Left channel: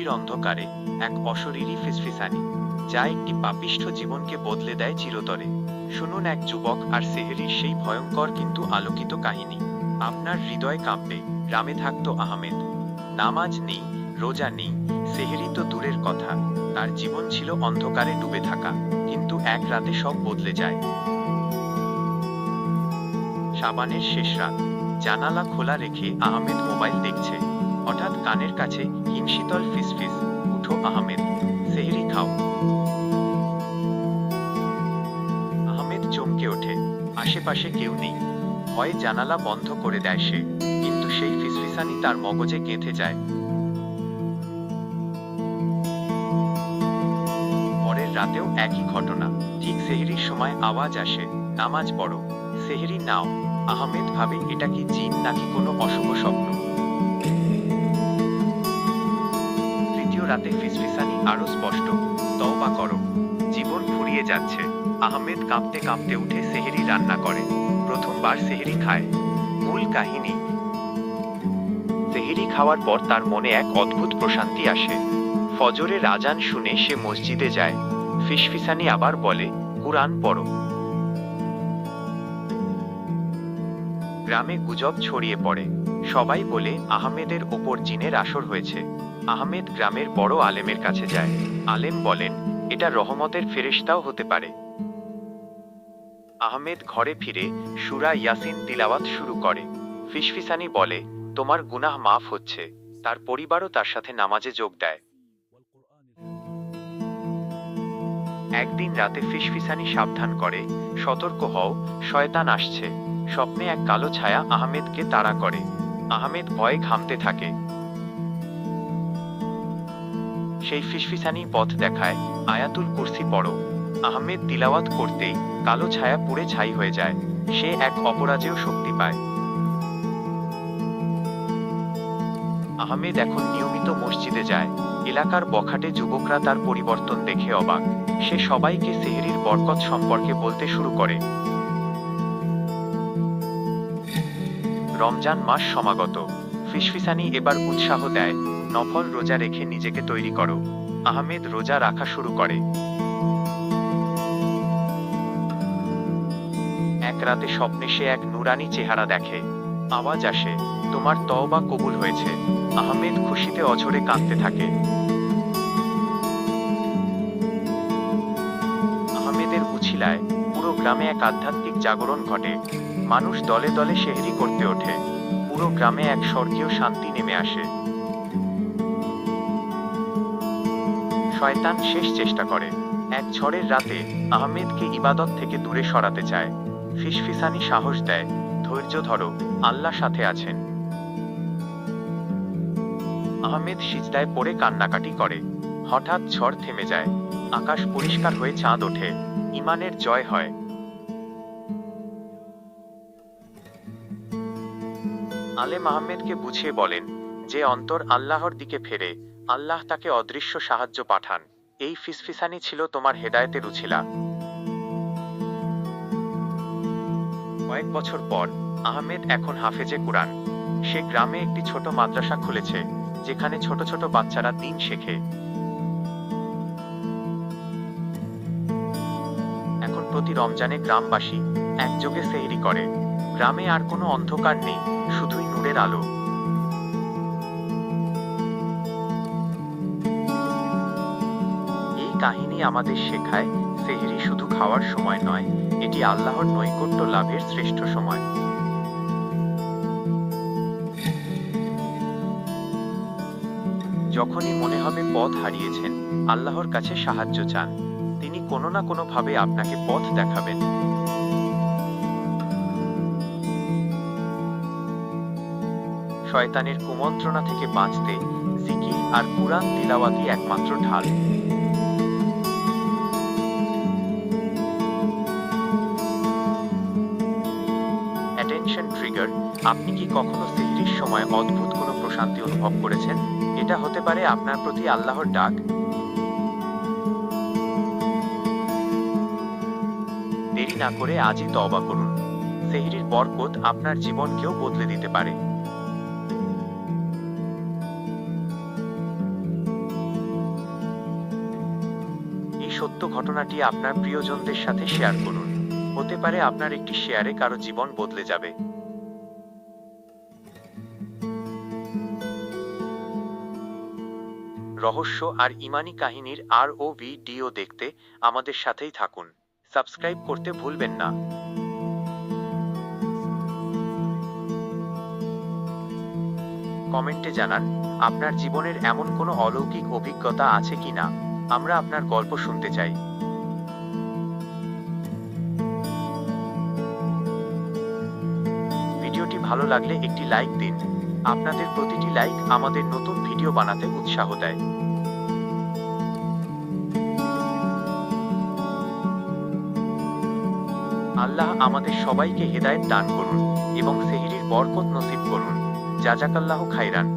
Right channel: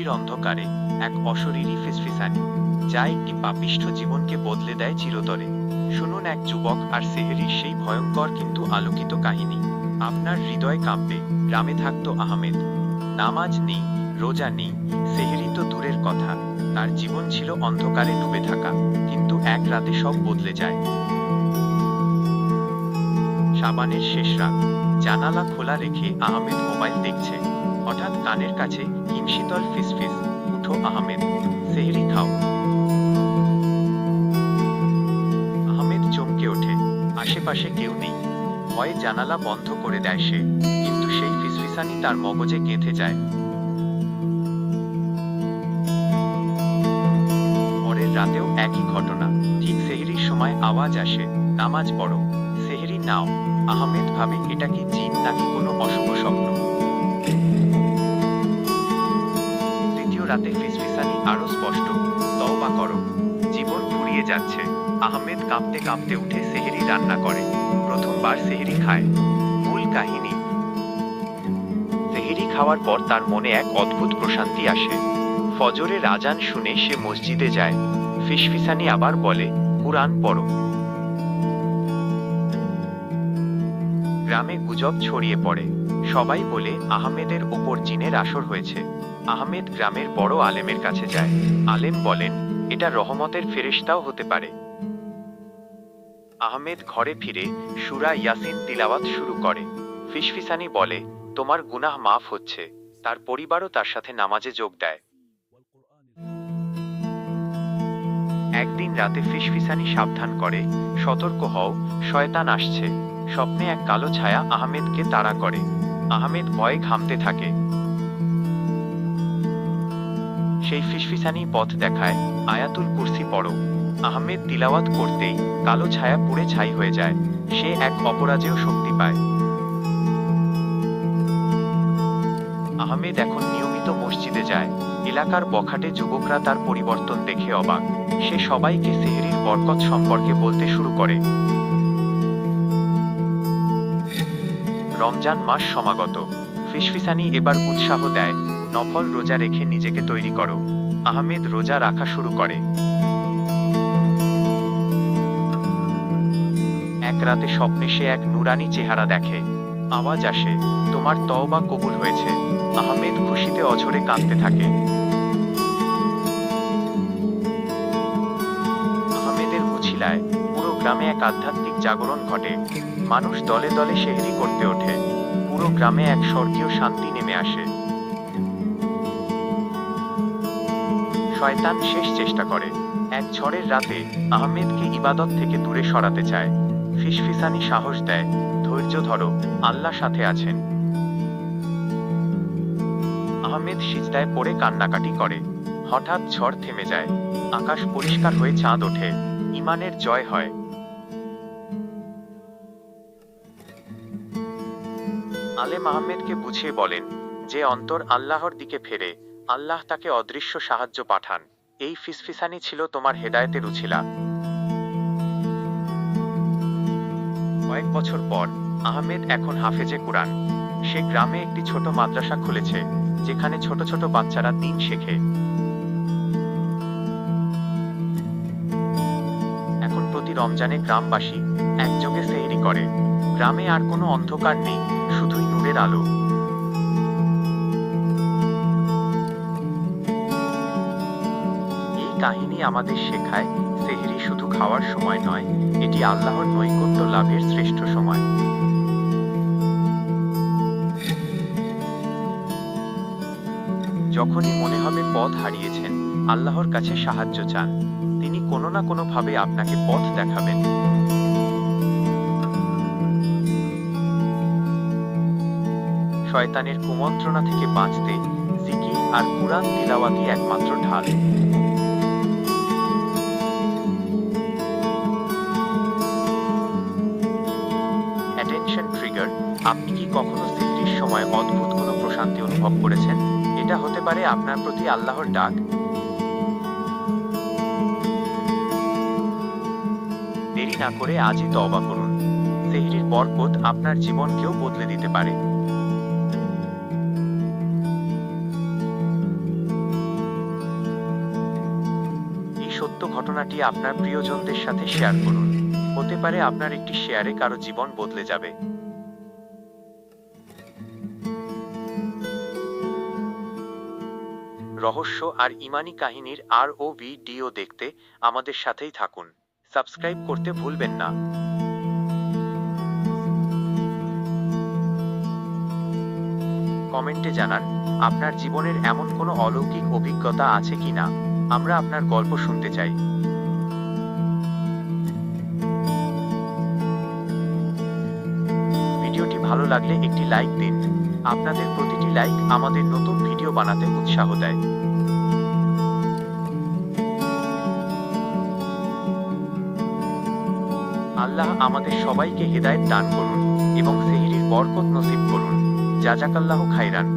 গভীর অন্ধকারে এক অশরীরী ফিসফিসানি, যা একটি পাপিষ্ঠ জীবনকে বদলে দেয় চিরতরে। শুনুন এক যুবক আর সেহরির সেই ভয়ঙ্কর কিন্তু আলোকিত কাহিনী। আপনার হৃদয় কাঁপবে। গ্রামে থাকত আহমেদ। নামাজ নেই, রোজা নেই, সেহরি তো দূরের কথা, তার জীবন ছিল অন্ধকারে ডুবে থাকা। কিন্তু এক রাতে সব বদলে যায়। শাবানের শেষ রাত। জানালা খোলা রেখে আহমেদ মোবাইল দেখছে। হঠাৎ কানের কাছে হিমশীতল ফিসফিস, উঠো আহমেদ, সেহরি খাও। আহমেদ চমকে ওঠে। আশেপাশে কেউ নেই। ভয়ে জানালা বন্ধ করে দেয় সে। কিন্তু সেই ফিসফিসানি তার মগজে গেঁথে যায়। পরের রাতেও একই ঘটনা। ঠিক সেহরির সময় আওয়াজ আসে, নামাজ পড়ো, সেহরি নাও। আহমেদ ভাবে এটা কি জিন নাকি কোনো অশুভ স্বপ্ন। তৃতীয় রাতে ফিসফিসানি আরো স্পষ্ট, তওবা করো, জীবন ফুরিয়ে যাচ্ছে। আহমেদ কাঁপতে কাঁপতে উঠে সেহরি রান্না করে। প্রথমবার সেহরি খায়। মূল কাহিনী। সেহরি খাওয়ার পর তার মনে এক অদ্ভুত প্রশান্তি আসে। ফজরের আজান শুনে সে মসজিদে যায়। ফিসফিসানি আবার বলে, কুরআন পড়ো। গ্রামে গুজব ছড়িয়ে পড়ে। সবাই বলে আহমেদের ওপর জিনের আসর হয়েছে। আহমেদ গ্রামের বড় আলেমের কাছে যায়। আলেম বলেন, এটা রহমতের ফেরেশতাও হতে পারে। আহমেদ ঘরে ফিরে সূরা ইয়াসিন তিলাওয়াত শুরু করে। ফিসফিসানি বলে, তোমার গুনাহ মাফ হচ্ছে। তার পরিবারও তার সাথে নামাজে যোগ দেয়। একদিন রাতে ফিসফিসানি সাবধান করে, সতর্ক হও, শয়তান আসছে। স্বপ্নে এক কালো ছায়া আহমেদকে তাড়া করে। আহমেদ ভয়ে ঘামতে থাকে। সেই ফিসফিসানি পথ দেখায়, আয়াতুল কুরসি পড়ো। আহমেদ তিলাওয়াত করতেই কালো ছায়া পুড়ে ছাই হয়ে যায়। সে এক অপরাজেয় শক্তি পায়। আহমেদ এখন নিয়মিত মসজিদে যায়। এলাকার বখাটে যুবকরা তার পরিবর্তন দেখে অবাক। সে সবাইকে সেহরির বরকত সম্পর্কে বলতে শুরু করে। রমজান মাস সমাগত। ফিসফিসানি এবার উৎসাহ দেয়, নফল রোজা রেখে নিজেকে তৈরি করো। আহমেদ রোজা রাখা শুরু করে। এক রাতে স্বপ্নে সে এক নুরানি চেহারা দেখে। আওয়াজ আসে, তোমার তওবা কবুল হয়েছে। আহমেদ খুশিতে অঝরে কাঁদতে থাকে। আহমেদের উছিলায় পুরো গ্রামে এক আধ্যাত্মিক জাগরণ ঘটে। মানুষ দলে দলে সেহরি করতে ওঠে। পুরো গ্রামে এক স্বর্গীয় শান্তি নেমে আসে। শয়তান শেষ চেষ্টা করে। এক ঝড়ের রাতে আহমেদকে ইবাদত থেকে দূরে সরাতে চায়। ফিসফিসানি সাহস দেয়, ধৈর্য ধরো, আল্লাহ সাথে আছেন। আহমেদ সিজদায় পড়ে কান্নাকাটি করে। হঠাৎ ঝড় থেমে যায়। আকাশ পরিষ্কার হয়ে চাঁদ ওঠে। ঈমানের জয় হয়। আলেম আহমেদকে বুঝিয়ে বলেন, যে অন্তর আল্লাহর দিকে ফেরে, আল্লাহ তাকে অদৃশ্য সাহায্য পাঠান। এই ফিসফিসানি ছিল তোমার হেদায়েতের উছিলা। কয়েক বছর পর আহমেদ এখন হাফেজে কুরআন। সে গ্রামে একটি ছোট মাদ্রাসা খুলেছে, যেখানে ছোট ছোট বাচ্চারা দ্বীন শেখে। এখন প্রতি রমজানে গ্রামবাসী একযোগে সেহরি করে। গ্রামে আর কোনো অন্ধকার নেই, শুধুই নূরের আলো। এই কাহিনী আমাদের শেখায়, সেহরি শুধু খাওয়ার সময় নয়, এটি আল্লাহর নৈকট্য লাভের শ্রেষ্ঠ সময়। যখনই মনে হবে পথ হারিয়েছেন, আল্লাহর কাছে সাহায্য চান। তিনি কোনো না কোনো ভাবে আপনাকে পথ দেখাবেন। শয়তানের কুমন্ত্রণা থেকে বাঁচতে জিকির আর কুরআন তিলাওয়াতই একমাত্র ঢাল। Attention trigger. আপনি কি কখনো সেহরির সময় অদ্ভুত কোনো প্রশান্তি অনুভব করেছেন? এটা হতে পারে আপনার প্রতি আল্লাহর ডাক। দেরি না করে আজই তওবা করুন। সেহরির বরকত আপনার জীবনকেও বদলে দিতে পারে। সত্য ঘটনাটি আপনার প্রিয়জনদের সাথে শেয়ার করুন। হতে পারে আপনার একটি শেয়ারে কারো জীবন বদলে যাবে। রহস্য আর ইমানি কাহিনীর আরও ভিডিও দেখতে আমাদের সাথেই থাকুন। সাবস্ক্রাইব করতে ভুলবেন না। কমেন্টে জানান আপনার জীবনের এমন কোনো অলৌকিক অভিজ্ঞতা আছে কি না। আমরা আপনার গল্প শুনতে চাই। ভিডিওটি ভালো লাগলে একটি লাইক দিন। আপনাদের প্রতিটি লাইক আমাদের নতুন ভিডিও বানাতে উৎসাহ দেয়। আল্লাহ আমাদের সবাইকে হেদায়েত দান করুন এবং সেহরির বরকত নসিব করুন। জাযাকাল্লাহু খাইরান।